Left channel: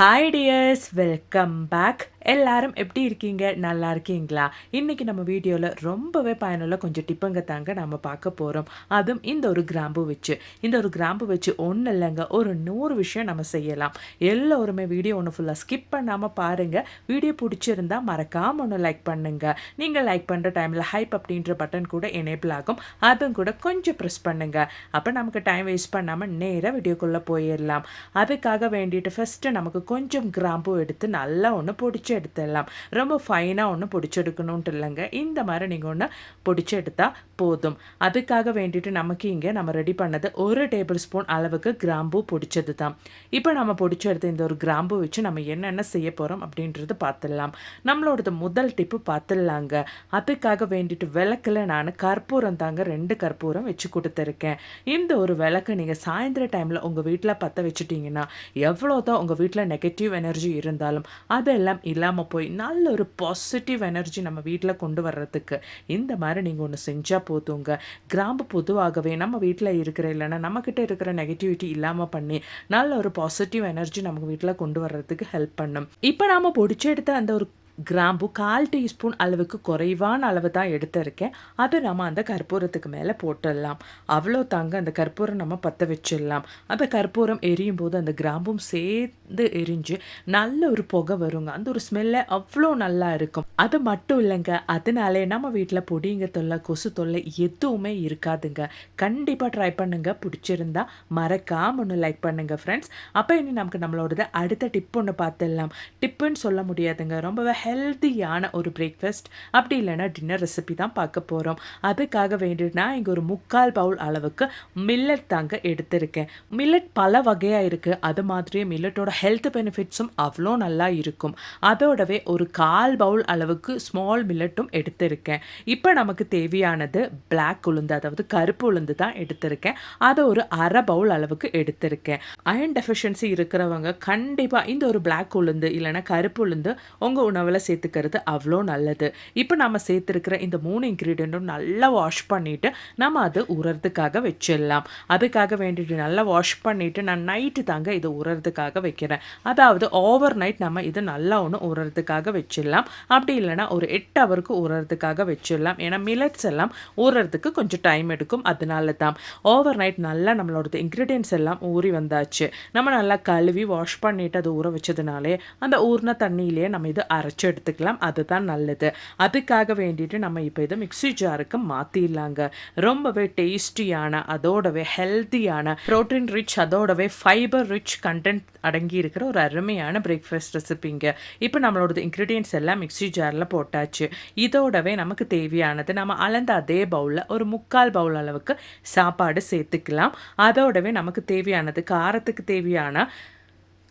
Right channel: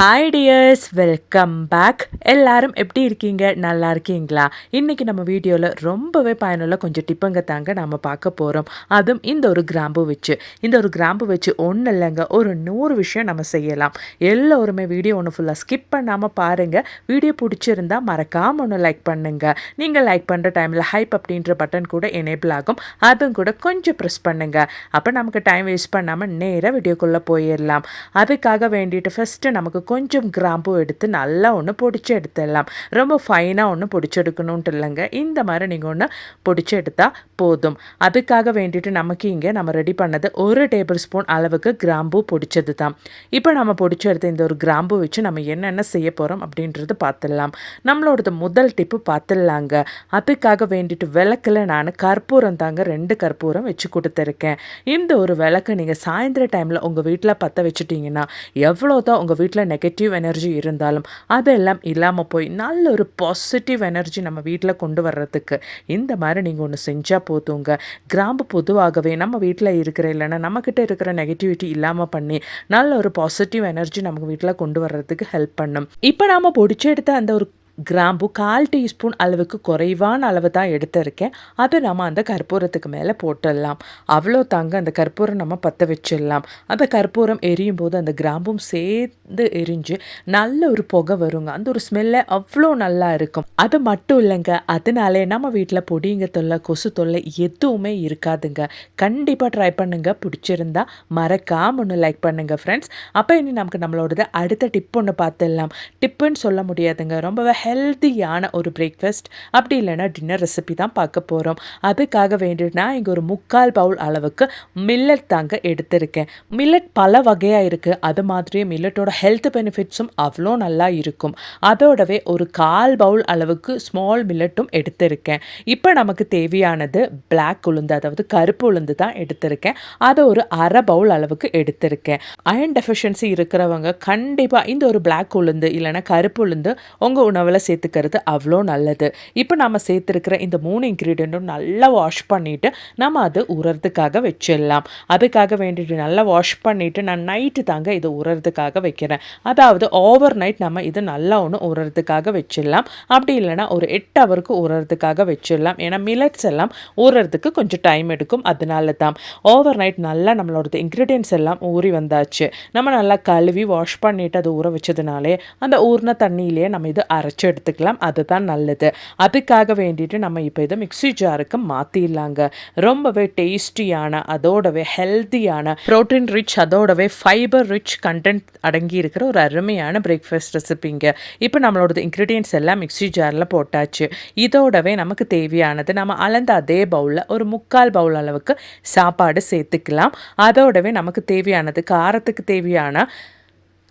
Hi tears welcome back எல்லாரும் எப்படி இருக்கீங்க? நல்லா இருக்கீங்களா? இன்றைக்கி நம்ம வீடியோவில் ரொம்பவே பயனுள்ள கொஞ்சம் டிப்புங்க தாங்க நம்ம பார்க்க போகிறோம் அதுவும் இந்த ஒரு கிராம்பு வச்சு. இந்த ஒரு கிராம்பு வச்சு ஒன்றும் இல்லைங்க. ஒரு நூறு விஷயம் நம்ம செய்யலாம். எல்லோருமே வீடியோ ஒன்று ஃபுல்லாக ஸ்கிப் பண்ணாமல் பாருங்கள் வீடியோ பிடிச்சிருந்தா மறக்காமல் ஒன்று லைக் பண்ணுங்கள் நீங்கள் லைக் பண்ணுற டைமில் ஹைப் அப்படின்ற பட்டன் கூட எனேபிள் ஆகும். அதுவும் கூட கொஞ்சம் ப்ரெஸ் பண்ணுங்கள் அப்போ நமக்கு டைம் வேஸ்ட் பண்ணாமல் நேராக வீடியோக்குள்ளே போயிடலாம் அதுக்காக வேண்டிட்டு ஃபஸ்ட்டு நமக்கு கொஞ்சம் கிராம்பு எடுத்து நல்லா ஒன்று பொடிச்சு எடுத்துடலாம். ரொம்ப ஃபைனாக ஒன்று பொடிச்செடுக்கணுன்ட்டு இல்லைங்க. இந்த மாதிரி நீங்கள் ஒன்று பொடிச்சு எடுத்தால் போதும். அதுக்காக வேண்டிட்டு நமக்கு இங்கே நம்ம ரெடி பண்ணது ஒரு டேபிள் ஸ்பூன் அளவுக்கு கிராம்பு பொடிச்சது தான். இப்போ நம்ம பொடிச்சு எடுத்த இந்த ஒரு கிராம்பு வச்சு நம்ம என்னென்ன செய்ய போகிறோம் அப்படின்றது பார்த்துடலாம் நம்மளோடது முதல் டிப்பு பார்த்துடலாங்க அதுக்காக வேண்டிட்டு விளக்கில் நான் கற்பூரம் தாங்க ரெண்டு கற்பூரம் வச்சு கொடுத்துருக்கேன். இந்த ஒரு விளக்கு நீங்கள் சாயந்தர டைமில் உங்கள் வீட்டில் பற்ற வச்சுட்டிங்கன்னா எவ்வளோ தான் உங்கள் வீட்டில் நெகட்டிவ் எனர்ஜி இருந்தாலும் அதெல்லாம் இல்லாமல் போய் நல்ல ஒரு பாசிட்டிவ் எனர்ஜி நம்ம வீட்டில் கொண்டு வர்றதுக்கு இந்த மாதிரி நீங்கள் ஒன்று செஞ்சால் போதுங்க. கிராம்பு பொதுவாகவே நம்ம வீட்டில் இருக்கிற இல்லைன்னா நம்மக்கிட்ட இருக்கிற நெகட்டிவிட்டி இல்லாமல் பண்ணி நல்ல ஒரு பாசிட்டிவ் எனர்ஜி நமக்கு வீட்டில் கொண்டு வர்றதுக்கு ஹெல்ப் பண்ணும். இப்போ நாம் பிடிச்ச எடுத்த அந்த ஒரு கிராம்பு கால் டீஸ்பூன் அளவுக்கு குறைவான அளவு தான் எடுத்திருக்கேன். அதை நம்ம அந்த கற்பூரத்துக்கு மேலே போட்டுடலாம். அவ்வளோ தாங்க அந்த கற்பூரம் நம்ம பற்ற வச்சிடலாம். அந்த கற்பூரம் எரியும் போது அந்த கிராம்பும் சேர்ந்து எரிஞ்சு நல்ல ஒரு புகை வருங்க. அந்த ஒரு ஸ்மெல்ல அவ்வளோ நல்லா இருக்கும். அது மட்டும் இல்லைங்க. அதனாலே நம்ம வீட்டில் பொடிங்க தொல்லை கொசு தொல்லை எதுவுமே இருக்காதுங்க. கண்டிப்பாக ட்ரை பண்ணுங்க. பிடிச்சிருந்தா மறக்காம ஒன்று லைக் பண்ணுங்க ஃப்ரெண்ட்ஸ் அப்போ இனி நமக்கு நம்மளோடது அடுத்த டிப் ஒன்று பார்த்துடலாம். டிப்புன்னு சொல்ல முடியாதுங்க. ரொம்பவே ஹெல்த்தியான ஒரு பிரேக்ஃபாஸ்ட் அப்படி இல்லைன்னா டின்னர் ரெசிபி தான் பார்க்க போகிறோம் அதுக்காக வேண்டினா இங்கே ஒரு முக்கால் பவுல் அளவுக்கு மில்லட் தாங்க எடுத்திருக்கேன். மில்லட் பல வகையாக இருக்குது அது மாதிரியே மில்லட்டோட ஹெல்த் பெனிஃபிட்ஸும் அவ்வளோ நல்லா இருக்கும். அதோடவே ஒரு கால் பவுல் அளவுக்கு ஸ்மால் மில்லட்டும் எடுத்திருக்கேன். இப்போ நமக்கு தேவையானது பிளாக் உளுந்து அதாவது கருப்பு உளுந்து தான் எடுத்திருக்கேன். அதை ஒரு அரை பவுல் அளவுக்கு எடுத்திருக்கேன். அயன் டெஃபிஷியன்சி இருக்கிறவங்க கண்டிப்பாக இந்த ஒரு பிளாக் உளுந்து இல்லைன்னா கருப்பு உளுந்து உங்கள் உணவு உணவில் சேர்த்துக்கிறது அவ்வளோ நல்லது. இப்போ நம்ம சேர்த்துருக்கிற இந்த மூணு இன்க்ரீடியண்ட்டும் நல்லா வாஷ் பண்ணிவிட்டு நம்ம அது உரறதுக்காக வச்சிடலாம். அதுக்காக வேண்டிட்டு நல்லா வாஷ் பண்ணிவிட்டு நான் நைட்டு தாங்க இது உரறதுக்காக வைக்கிறேன். அதாவது ஓவர் நைட் நம்ம இது நல்லா ஒன்று உரறதுக்காக வச்சிடலாம். அப்படி இல்லைன்னா ஒரு எட்டு ஹவருக்கு உரறதுக்காக வச்சிடலாம். ஏன்னா மில்லட்ஸ் எல்லாம் ஊறுறதுக்கு கொஞ்சம் டைம் எடுக்கும். அதனால தான் ஓவர் நைட் நல்லா நம்மளோட இன்க்ரீடியன்ஸ் எல்லாம் ஊறி வந்தாச்சு. நம்ம நல்லா கழுவி வாஷ் பண்ணிவிட்டு அது ஊற வச்சதுனாலே அந்த ஊறின தண்ணியிலேயே நம்ம இது அரைச்சி எடுத்துக்கலாம். அதுதான் நல்லது. அதுக்காக வேண்டிட்டு நம்ம இப்போ இதை மிக்சி ஜாருக்கு மாற்றிடலாங்க ரொம்பவே டேஸ்டியான அதோடவே ஹெல்த்தியான ப்ரோட்டீன் ரிச் அதோடவே ஃபைபர் ரிச் கண்டென்ட் அடங்கி இருக்கிற ஒரு அருமையான பிரேக்ஃபாஸ்ட் ரெசிபிங்க இப்போ நம்மளோட இன்க்ரீடியன்ஸ் எல்லாம் மிக்சி ஜாரில் போட்டாச்சு. இதோடவே நமக்கு தேவையானது நம்ம அளந்த அதே பவுலில் ஒரு முக்கால் பவுல் அளவுக்கு சாப்பாடு சேர்த்துக்கலாம். அதோடவே நமக்கு தேவையானது காரத்துக்கு தேவையான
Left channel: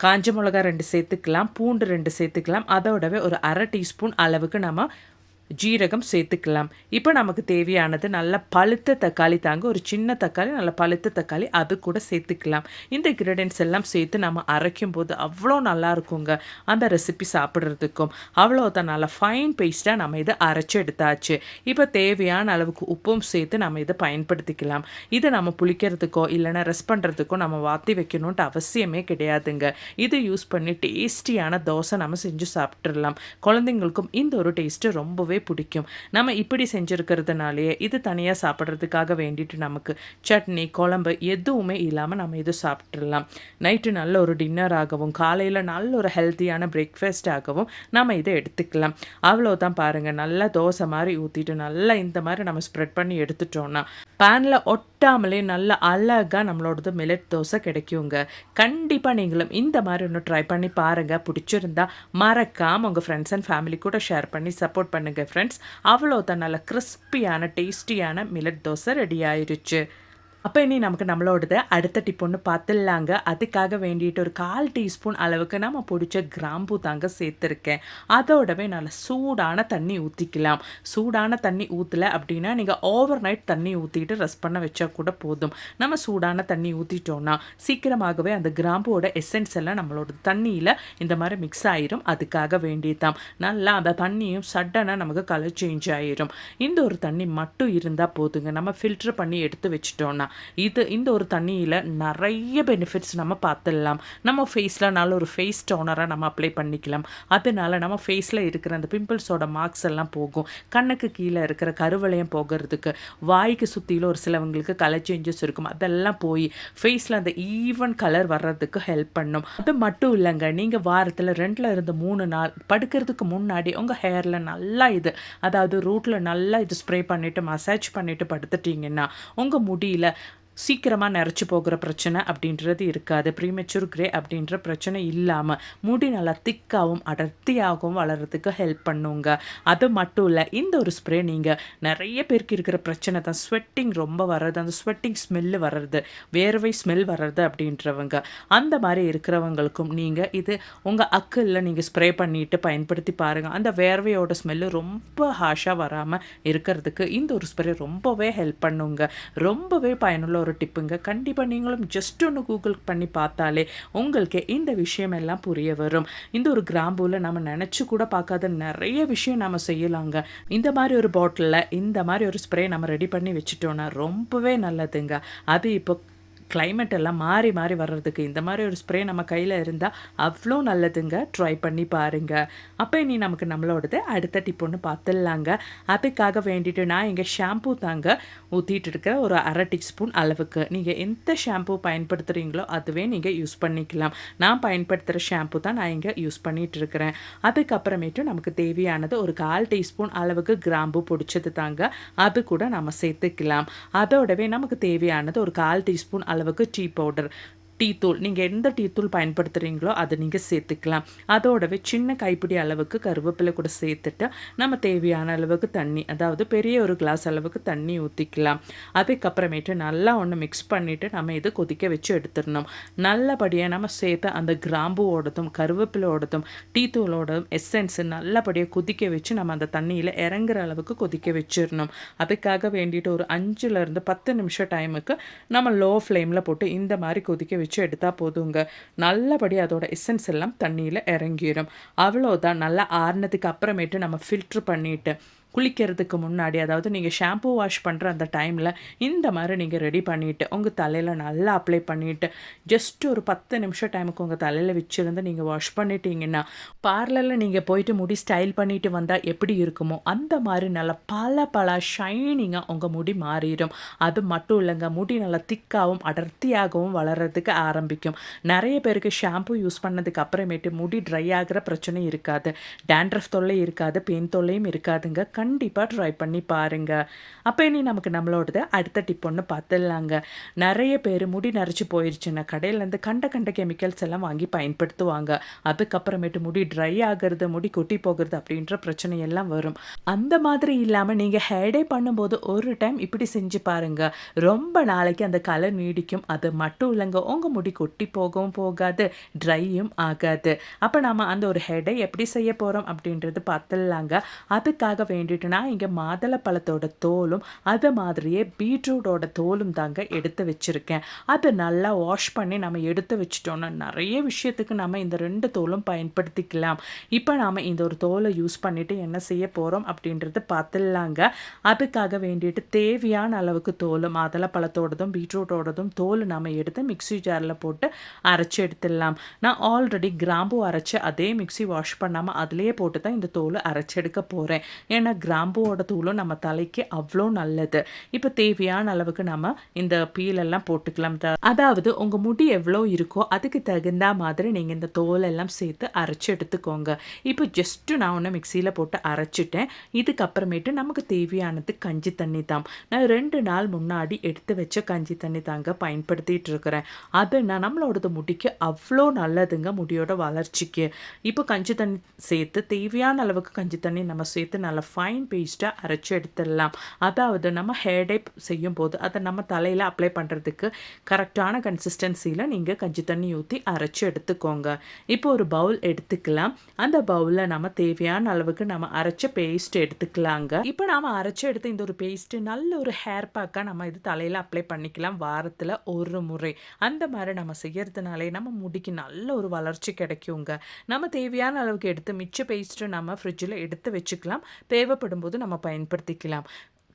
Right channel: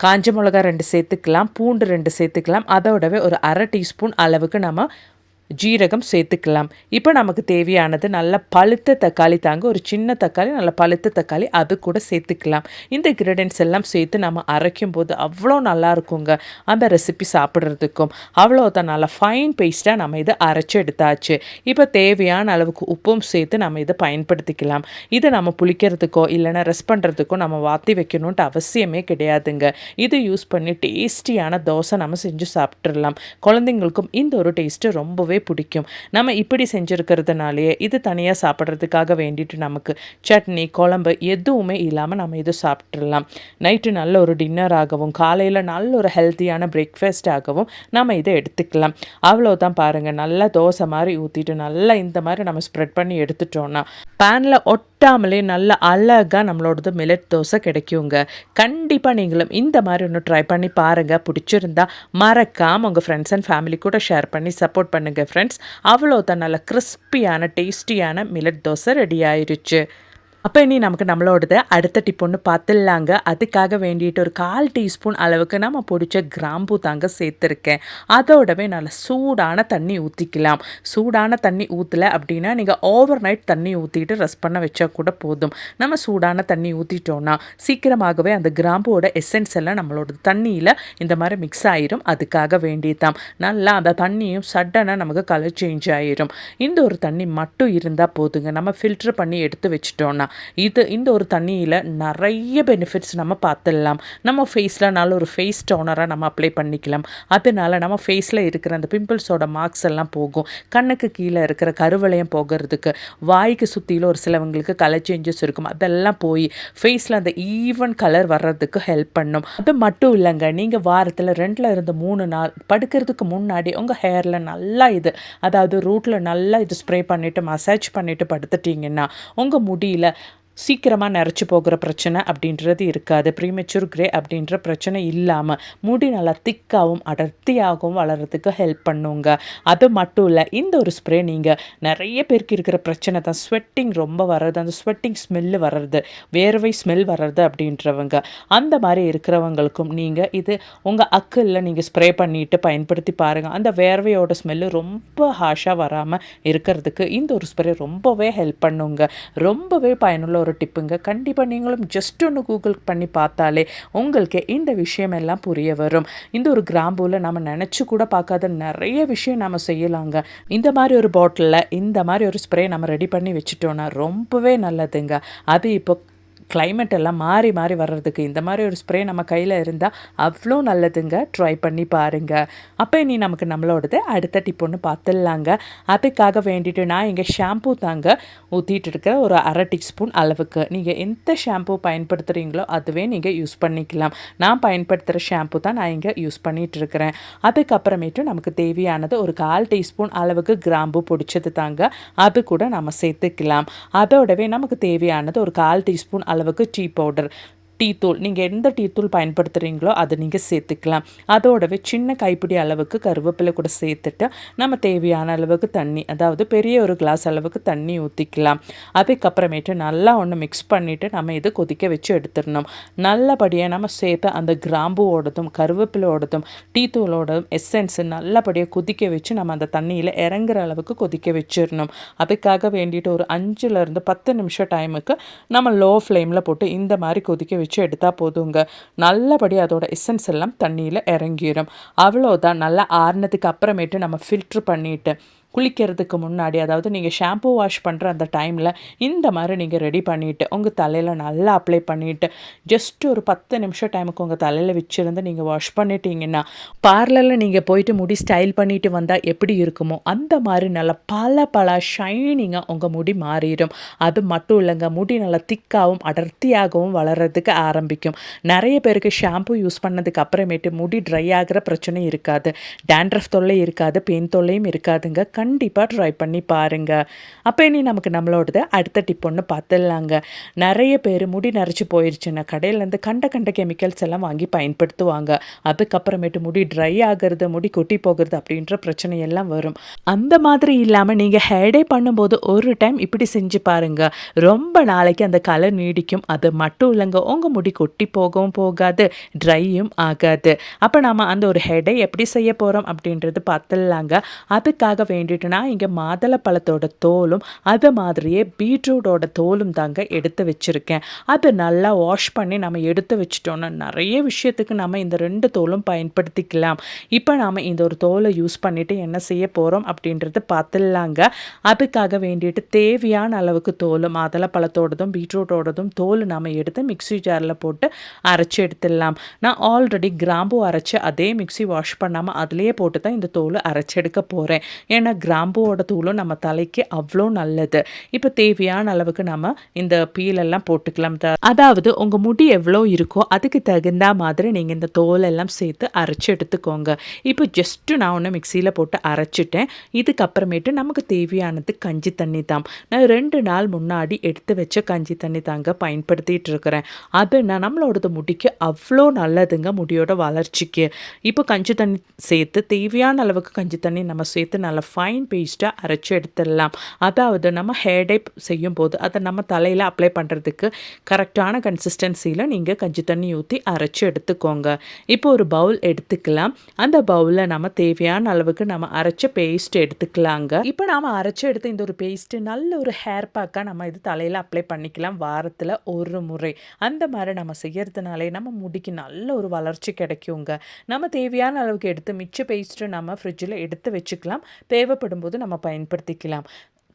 காஞ்ச மிளகா ரெண்டு சேர்த்துக்கலாம் பூண்டு ரெண்டு சேர்த்துக்கலாம். அதோடவே ஒரு அரை டீஸ்பூன் அளவுக்கு நம்ம ஜீரகம் சேர்த்துக்கலாம். இப்போ நமக்கு தேவையானது நல்ல பழுத்த தக்காளி தாங்க. ஒரு சின்ன தக்காளி நல்ல பழுத்த தக்காளி அது கூட சேர்த்துக்கலாம். இந்த இன்க்ரீடியன்ஸ் எல்லாம் சேர்த்து நம்ம அரைக்கும் போது அவ்வளோ நல்லா இருக்குங்க அந்த ரெசிபி சாப்பிட்றதுக்கும். அவ்வளோதான். நல்லா ஃபைன் பேஸ்ட்டாக நம்ம இதை அரைச்சி எடுத்தாச்சு. இப்போ தேவையான அளவுக்கு உப்பும் சேர்த்து நம்ம இதை பயன்படுத்திக்கலாம். இதை நம்ம புளிக்கிறதுக்கோ இல்லைன்னா ரெஸ்ட் பண்ணுறதுக்கோ நம்ம வாத்தி வைக்கணுன்ட்டு அவசியமே கிடையாதுங்க. இதை யூஸ் பண்ணி டேஸ்டியான தோசை நம்ம செஞ்சு சாப்பிட்றலாம் குழந்தைங்களுக்கும் இந்த ஒரு டேஸ்ட்டு ரொம்பவே பிடிக்கும். நம்ம இப்படி செஞ்சுருக்கிறதுனாலேயே இது தனியாக சாப்பிட்றதுக்காக வேண்டிட்டு நமக்கு சட்னி குழம்பு எதுவுமே இல்லாமல் நம்ம இது சாப்பிட்றலாம் நைட்டு நல்ல ஒரு டின்னராகவும் காலையில் நல்ல ஒரு ஹெல்த்தியான பிரேக்ஃபாஸ்டாகவும் நம்ம இதை எடுத்துக்கலாம். அவ்வளோதான் பாருங்கள் நல்லா தோசை மாதிரி ஊற்றிட்டு நல்லா இந்த மாதிரி நம்ம ஸ்ப்ரெட் பண்ணி எடுத்துட்டோன்னா பேனில் ஒட்டாமலே நல்ல அழகாக நம்மளோடது மில்லட் தோசை கிடைக்குங்க. கண்டிப்பாக நீங்களும் இந்த மாதிரி ஒன்று ட்ரை பண்ணி பாருங்கள் பிடிச்சிருந்தா மறக்காமல் உங்கள் ஃப்ரெண்ட்ஸ் அண்ட் ஃபேமிலி கூட ஷேர் பண்ணி சப்போர்ட் பண்ணுங்கள் ஃப்ரெண்ட்ஸ் அவ்வளோ தான் நல்ல கிறிஸ்பியான டேஸ்டியான மில்லட் தோசை ரெடி ஆயிடுச்சு அப்போ இனி நமக்கு நம்மளோடது அடுத்த டிப் ஒன்று பார்த்துடலாங்க அதுக்காக வேண்டிட்டு ஒரு கால் டீஸ்பூன் அளவுக்கு நம்ம பிடிச்ச கிராம்பு தாங்க சேர்த்துருக்கேன். அதோடவே நல்லா சூடான தண்ணி ஊற்றிக்கலாம் சூடான தண்ணி ஊற்றலை அப்படின்னா நீங்கள் ஓவர் நைட் தண்ணி ஊற்றிட்டு ரெஸ்ட் பண்ண வச்சா கூட போதும். நம்ம சூடான தண்ணி ஊற்றிட்டோன்னா சீக்கிரமாகவே அந்த கிராம்போட எசன்ஸ் எல்லாம் நம்மளோட தண்ணியில் இந்த மாதிரி மிக்ஸ் ஆயிரும். அதுக்காக வேண்டியதான் நல்லா அந்த தண்ணியும் சடனாக நமக்கு கலர் சேஞ்ச் ஆயிரும். இந்த ஒரு தண்ணி மட்டும் இருந்தால் போதுங்க. நம்ம ஃபில்ட்ரு பண்ணி எடுத்து வச்சிட்டோன்னா இது இந்த ஒரு தண்ணியில் நிறைய பெனிஃபிட்ஸ் நம்ம பார்த்துடலாம். நம்ம ஃபேஸில் நல்ல ஒரு ஃபேஸ் டோனராக நம்ம அப்ளை பண்ணிக்கலாம். அதனால நம்ம ஃபேஸில் இருக்கிற அந்த பிம்பிள்ஸோட மார்க்ஸ் எல்லாம் போகும். கண்ணுக்கு கீழே இருக்கிற கருவளையம் போகிறதுக்கு வாய்க்கு சுற்றியில் ஒரு சிலவங்களுக்கு கலர் சேஞ்சஸ் இருக்கும். அதெல்லாம் போய் ஃபேஸில் அந்த ஈவன் கலர் வர்றதுக்கு ஹெல்ப் பண்ணும். அது மட்டும் இல்லைங்க நீங்கள் வாரத்தில் ரெண்டில் இருந்து மூணு நாள் படுக்கிறதுக்கு முன்னாடி உங்கள் ஹேரில் நல்லா இது அதாவது ரூட்டில் நல்லா இது ஸ்ப்ரே பண்ணிவிட்டு மசாஜ் பண்ணிவிட்டு படுத்துட்டிங்கன்னா உங்கள் முடியில் சீக்கிரமாக நரைச்சி போகிற பிரச்சனை அப்படின்றது இருக்காது. ப்ரீமெச்சூர் கிரே அப்படின்ற பிரச்சனை இல்லாமல் முடி நல்லா திக்காகவும் அடர்த்தியாகவும் வளர்கிறதுக்கு ஹெல்ப் பண்ணுங்க. அது மட்டும் இல்லை இந்த ஒரு ஸ்ப்ரே நீங்கள் நிறைய பேருக்கு இருக்கிற பிரச்சனை தான். ஸ்வெட்டிங் ரொம்ப வர்றது அந்த ஸ்வெட்டிங் ஸ்மெல்லு வர்றது வேர்வை ஸ்மெல் வர்றது அப்படின்றவங்க. அந்த மாதிரி இருக்கிறவங்களுக்கும் நீங்கள் இது உங்கள் அக்கில் நீங்கள் ஸ்ப்ரே பண்ணிவிட்டு பயன்படுத்தி பாருங்கள் அந்த வேர்வையோட ஸ்மெல்லு ரொம்ப ஹாஷாக வராமல் இருக்கிறதுக்கு இந்த ஒரு ஸ்ப்ரே ரொம்பவே ஹெல்ப் பண்ணுங்க. ரொம்பவே பயனுள்ள ஒரு ஒரு டிப்புங்க. கண்டிப்பாக நீங்களும் ஜஸ்ட் ஒன்று கூகுள் பண்ணி பார்த்தாலே உங்களுக்கு இந்த விஷயம் எல்லாம் புரிய வரும். இந்த ஒரு கிராம்பூவில் நம்ம நினச்சி கூட பார்க்காத நிறைய விஷயம் நம்ம செய்யலாங்க. இந்த மாதிரி ஒரு பாட்டிலில் இந்த மாதிரி ஒரு ஸ்ப்ரே நம்ம ரெடி பண்ணி வச்சுட்டோன்னா ரொம்பவே நல்லதுங்க. அது இப்போ கிளைமேட் எல்லாம் மாறி மாறி வர்றதுக்கு இந்த மாதிரி ஒரு ஸ்ப்ரே நம்ம கையில் இருந்தால் அவ்வளோ நல்லதுங்க. ட்ரை பண்ணி பாருங்கள் அப்போ இனி நமக்கு நம்மளோடது அடுத்த டிப் ஒன்று பார்த்துடலாங்க அதுக்காக வேண்டிட்டு நான் இங்கே ஷாம்பூ தாங்க ஊற்றிட்டு இருக்கிற ஒரு அரை டீஸ்பூன் அளவுக்கு. நீங்கள் எந்த ஷாம்பூ பயன்படுத்துகிறீங்களோ அதுவே நீங்கள் யூஸ் பண்ணிக்கலாம். நான் பயன்படுத்துகிற ஷாம்பூ தான் நான் இங்கே யூஸ் பண்ணிகிட்டு இருக்கிறேன். அதுக்கப்புறமேட்டு நமக்கு தேவையானது ஒரு கால் டீஸ்பூன் அளவுக்கு கிராம்பு பிடிச்சது தாங்க. அது கூட நம்ம சேர்த்துக்கலாம். அதோடவே நமக்கு தேவையானது ஒரு கால் டீஸ்பூன் அளவுக்கு டீ பவுடர் டீ தூள் நீங்கள் எந்த டீ தூள் பயன்படுத்துகிறீங்களோ அதை நீங்கள் சேர்த்துக்கலாம். அதோடவே சின்ன கைப்பிடி அளவுக்கு கருவேப்பிலை கூட சேர்த்துட்டு நம்ம தேவையான அளவுக்கு தண்ணி அதாவது பெரிய ஒரு கிளாஸ் அளவுக்கு தண்ணி ஊற்றிக்கலாம் அதுக்கப்புறமேட்டு நல்லா ஒன்று மிக்ஸ் பண்ணிவிட்டு நம்ம இதை கொதிக்க வச்சு எடுத்துடணும். நல்லபடியாக நம்ம சேர்த்த அந்த கிராம்புவோடதும் ஓடதும் டீ தூளோடதும் எசன்ஸ் நல்லபடியாக கொதிக்க வச்சு நம்ம அந்த தண்ணியில் இறங்குற அளவுக்கு கொதிக்க வச்சிடணும். அதுக்காக வேண்டிட்டு ஒரு அஞ்சுலேருந்து பத்து நிமிஷம் டைமுக்கு நம்ம லோ ஃப்ளேமில் போட்டு இந்த மாதிரி கொதிக்க வச்சு வச்சு எடுத்தால் போதுங்க. நல்லபடி அதோட எசன்ஸ் எல்லாம் தண்ணியில் இறங்கிடும் அவ்வளோதான் நல்லா ஆறுனதுக்கு அப்புறமேட்டு நம்ம ஃபில்ட்ரு பண்ணிவிட்டு குளிக்கிறதுக்கு முன்னாடி அதாவது நீங்கள் ஷாம்பூ வாஷ் பண்ணுற அந்த டைமில் இந்த மாதிரி நீங்கள் ரெடி பண்ணிவிட்டு உங்கள் தலையில் நல்லா அப்ளை பண்ணிவிட்டு ஜஸ்ட் ஒரு பத்து நிமிஷம் டைமுக்கு உங்கள் தலையில் வச்சுருந்து நீங்கள் வாஷ் பண்ணிட்டீங்கன்னா பார்லரில் நீங்கள் போயிட்டு முடி ஸ்டைல் பண்ணிவிட்டு வந்தால் எப்படி இருக்குமோ அந்த மாதிரி நல்லா பல பல ஷைனிங்காக உங்கள் முடி மாறிடும். அது மட்டும் இல்லைங்க முடி நல்லா திக்காகவும் அடர்த்தியாகவும் வளர்கிறதுக்கு ஆரம்பிக்கும். நிறைய பேருக்கு ஷாம்பு யூஸ் பண்ணதுக்கு அப்புறமேட்டு முடி ட்ரை ஆகிற பிரச்சனை இருக்காது. டேண்ட்ரஃப் தொல்லை இருக்காது பெயின் தொல்லையும் இருக்காதுங்க. கண்டிப்பாக ட்ரை பண்ணி பாருங்கள் அப்போ இனி நமக்கு நம்மளோடது அடுத்த டிப் ஒன்று பார்த்துடலாங்க நிறைய பேர் முடி நரைச்சி போயிடுச்சுன்னா கடையிலேருந்து கண்ட கண்ட கெமிக்கல்ஸ் எல்லாம் வாங்கி பயன்படுத்துவாங்க. அதுக்கப்புறமேட்டு முடி ட்ரை ஆகிறது முடி கொட்டி போகிறது அப்படின்ற பிரச்சனையெல்லாம் வரும். அந்த மாதிரி இல்லாமல் நீங்கள் ஹேடே பண்ணும்போது ஒரு டைம் இப்படி செஞ்சு பாருங்கள் ரொம்ப நாளைக்கு அந்த கலர் நீடிக்கும். அது மட்டும் இல்லைங்க உங்கள் முடி கொட்டி போகவும் போகாது ட்ரையும் ஆகாது. அப்போ நம்ம அந்த ஒரு ஹெடை எப்படி செய்ய போகிறோம் அப்படின்றது பார்த்துடலாங்க அதுக்காக வேண்டி வேண்டிட்டுனா இங்கே மாதளை பழத்தோட தோலும் அது மாதிரியே பீட்ரூட்டோட தோலும் தாங்க எடுத்து வச்சுருக்கேன். அதை நல்லா வாஷ் பண்ணி நம்ம எடுத்து வச்சிட்டோன்னா நிறைய விஷயத்துக்கு நம்ம இந்த ரெண்டு தோலும் பயன்படுத்திக்கலாம். இப்போ நாம் இந்த ஒரு தோலை யூஸ் பண்ணிவிட்டு என்ன செய்ய போகிறோம் அப்படின்றது பார்த்துடலாங்க. அதுக்காக வேண்டிட்டு தேவையான அளவுக்கு தோலும் மாதுளை பழத்தோடதும் பீட்ரூட்டோடதும் தோல் நாம் எடுத்து மிக்சி ஜாரில் போட்டு அரைச்சி எடுத்துடலாம். நான் ஆல்ரெடி கிராம்பு அரைச்சி அதே மிக்சி வாஷ் பண்ணாமல் அதிலே போட்டு தான் இந்த தோல் அரைச்சி எடுக்க போகிறேன் ஏன்னா கிராம்புவோட தூளும் நம்ம தலைக்கு அவ்வளோ நல்லது. இப்போ தேவையான அளவுக்கு நம்ம இந்த பீலெல்லாம் போட்டுக்கலாம். அதாவது உங்கள் முடி எவ்வளோ இருக்கோ அதுக்கு தகுந்த மாதிரி நீங்கள் இந்த தோலெல்லாம் சேர்த்து அரைச்சி எடுத்துக்கோங்க. இப்போ ஜஸ்ட்டு நான் ஒன்று மிக்சியில் போட்டு அரைச்சிட்டேன். இதுக்கப்புறமேட்டு நமக்கு தேவையானது கஞ்சி தண்ணி தான். நான் ரெண்டு நாள் முன்னாடி எடுத்து வச்ச கஞ்சி தண்ணி தாங்க பயன்படுத்திகிட்டு இருக்கிறேன். அது நான் நம்மளோடது முடிக்கு அவ்வளோ நல்லதுங்க முடியோட வளர்ச்சிக்கு. இப்போ கஞ்சி தண்ணி சேர்த்து தேவையான அளவுக்கு கஞ்சி தண்ணி நம்ம சேர்த்து நல்லா ஃபைன் பேஸ்ட்டாக அரைச்சி எடுத்துடலாம். அதாவது நம்ம ஹேர் டை செய்யும் போது அதை நம்ம தலையில் அப்ளை பண்ணுறதுக்கு கரெக்டான கன்சிஸ்டன்சியில் நீங்கள் கஞ்சி தண்ணி ஊற்றி அரைச்சி எடுத்துக்கோங்க. இப்போ ஒரு பவுல் எடுத்துக்கலாம். அந்த பவுலில் நம்ம தேவையான அளவுக்கு நம்ம அரைச்ச பேஸ்ட் எடுத்துக்கலாங்க. இப்போ நாம் அரைச்சி எடுத்த இந்த ஒரு பேஸ்ட்டு நல்ல ஒரு ஹேர் பேக்காக நம்ம இது தலையில் அப்ளை பண்ணிக்கலாம். வாரத்தில் ஒரு முறை. அந்த மாதிரி நம்ம செய்கிறதுனாலே நம்ம முடிக்கு நல்ல ஒரு வளர்ச்சி கிடைக்குங்க. நம்ம தேவையான அளவுக்கு எடுத்து மிச்ச பேஸ்ட்டு நம்ம ஃப்ரிட்ஜில் எடுத்து வச்சுக்கலாம். தேவை தேவைப்படும் போது நம்ம பயன்படுத்திக்கலாம்.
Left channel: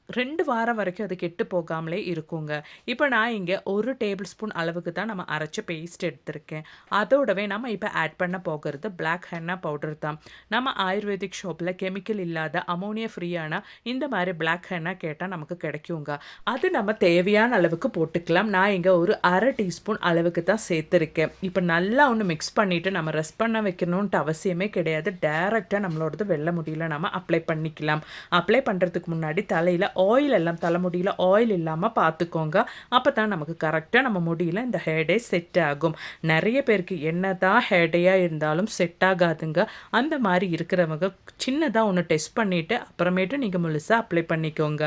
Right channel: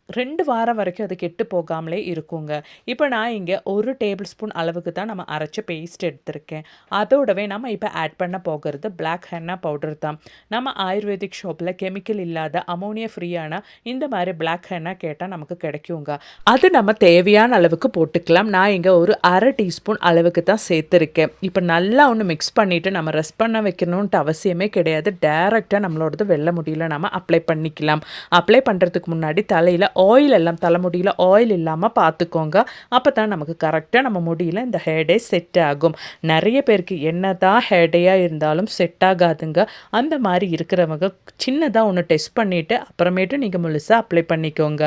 ரெண்டு வாரம் வரைக்கும் அது கெட்டு போகாமலே இருக்குங்க. இப்போ நான் இங்கே ஒரு டேபிள் ஸ்பூன் அளவுக்கு தான் நம்ம அரைச்ச பேஸ்ட் எடுத்திருக்கேன். அதோடவே நம்ம இப்போ ஆட் பண்ண போகிறது பிளாக் ஹென்னா பவுடர் தான். நம்ம ஆயுர்வேதிக் ஷாப்பில் கெமிக்கல் இல்லாத அமோனியா ஃப்ரீயான இந்த மாதிரி பிளாக் ஹென்னா கேட்டால் நமக்கு கிடைக்குங்க. அது நம்ம தேவையான அளவுக்கு போட்டுக்கலாம். நான் இங்கே ஒரு அரை டீஸ்பூன் அளவுக்கு தான் சேர்த்துருக்கேன். இப்போ நல்லா ஒன்று மிக்ஸ் பண்ணிவிட்டு நம்ம ரெஸ்ட் பண்ண வைக்கணுன்ட்டு அவசியமே கிடையாது. டேரெக்டாக நம்மளோடது வெள்ள முடியல. நம்ம அப்ளை பண்ணிக்கலாம். அப்ளை பண்ணுறதுக்கு முன்னாடி தலையில் ஆயில் எல்லாம் தலைமுடியில் ஆயில் இல்லாமல் பார்த்துக்கோங்க அப்போ தான் நமக்கு கரெக்டாக நம்ம முடியல இந்த ஹேடே செட் ஆகும். நிறைய பேருக்கு என்ன தான் ஹேடேயாக இருந்தாலும் செட் ஆகாதுங்க. அந்த மாதிரி இருக்கிறவங்க சின்னதாக ஒன்று டெஸ்ட் பண்ணிவிட்டு அப்புறமேட்டு நீங்கள் முழுசாக அப்ளை பண்ணிக்கோங்க.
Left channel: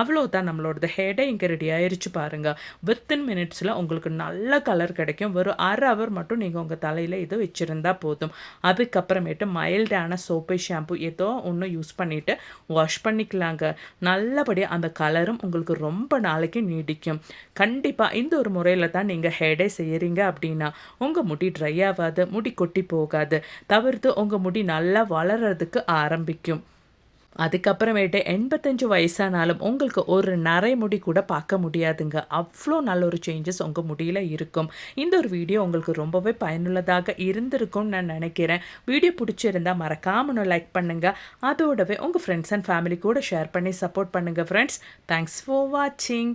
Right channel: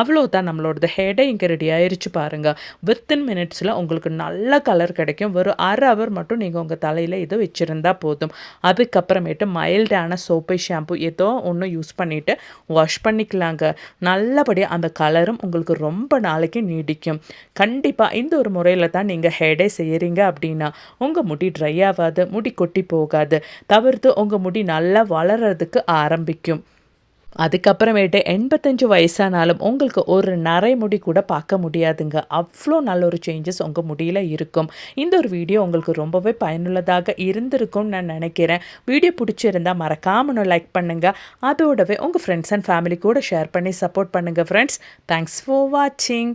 அவ்வளோதான் நம்மளோடது ஹேடே இங்கே ரெடி ஆயிடுச்சு பாருங்கள் வித்தின் மினிட்ஸில் உங்களுக்கு நல்ல கலர் கிடைக்கும். ஒரு அரை ஹவர் மட்டும் நீங்கள் உங்கள் தலையில் இதை வச்சுருந்தா போதும். அதுக்கப்புறமேட்டு மைல்டான சோப்பை ஷாம்பு ஏதோ ஒன்று யூஸ் பண்ணிவிட்டு வாஷ் பண்ணிக்கலாங்க. நல்லபடியாக அந்த கலரும் உங்களுக்கு ரொம்ப நாளைக்கு நீடிக்கும். கண்டிப்பாக இந்த ஒரு முறையில் தான் நீங்கள் ஹேடே செய்கிறீங்க அப்படின்னா உங்கள் முடி ட்ரை ஆகாது முடி கொட்டி போகாது. தவிர்த்து உங்கள் முடி நல்லா வளர்கிறதுக்கு ஆரம்பிக்கும். அதுக்கப்புறமேட்டு எண்பத்தஞ்சு வயசானாலும் உங்களுக்கு ஒரு நரைமுடி கூட பார்க்க முடியாதுங்க. அவ்வளோ நல்ல ஒரு சேஞ்சஸ் உங்கள் முடியில் இருக்கும். இந்த ஒரு வீடியோ உங்களுக்கு ரொம்பவே பயனுள்ளதாக இருந்திருக்கும்னு நான் நினைக்கிறேன். வீடியோ பிடிச்சிருந்தா மறக்காம லைக் பண்ணுங்கள் அதோடவே உங்கள் ஃப்ரெண்ட்ஸ் அண்ட் ஃபேமிலி கூட ஷேர் பண்ணி சப்போர்ட் பண்ணுங்கள் ஃப்ரெண்ட்ஸ் தேங்க்ஸ் ஃபார் வாட்சிங்